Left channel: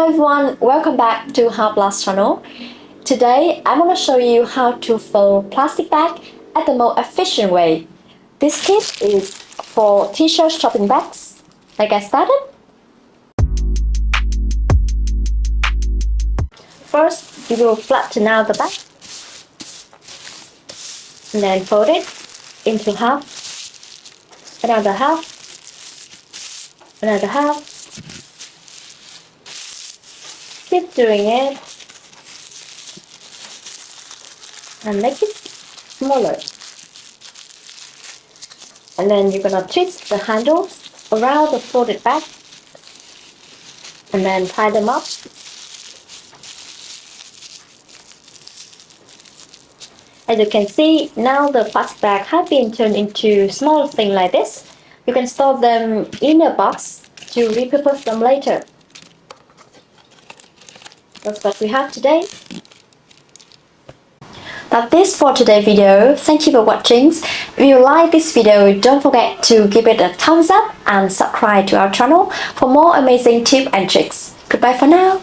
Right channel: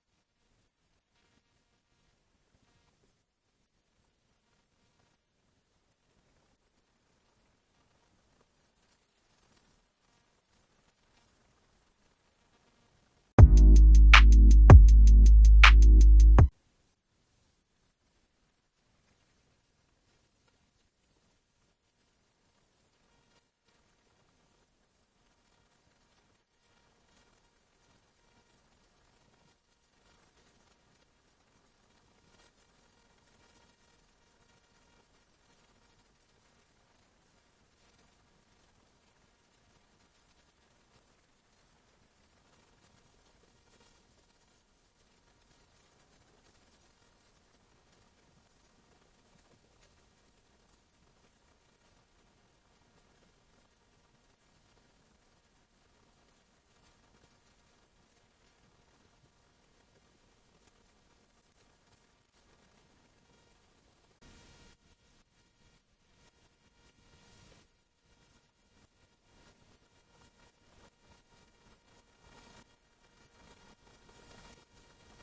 Hello everyone, welcome back to HAPLAST channel. Today I'm going to show you how to fold plastic bag at the most efficient way. This kit is for t-shirt shopping bags. Let's get started. First, you will flatten out the bag and then fold it into half, another half, another half. Keep doing it and make it smaller. And then you're gonna twist the handles around the folded bag and then tie them up. As you can see, now the plastic bag has been turned into small things like this. You can store them in a box to repurpose them later. That's what we have today. That's this for today's video. Thank you for watching. If you like this video, don't forget to give it a thumbs up and subscribe to our channel for more amazing tips and tricks. Goodbye for now.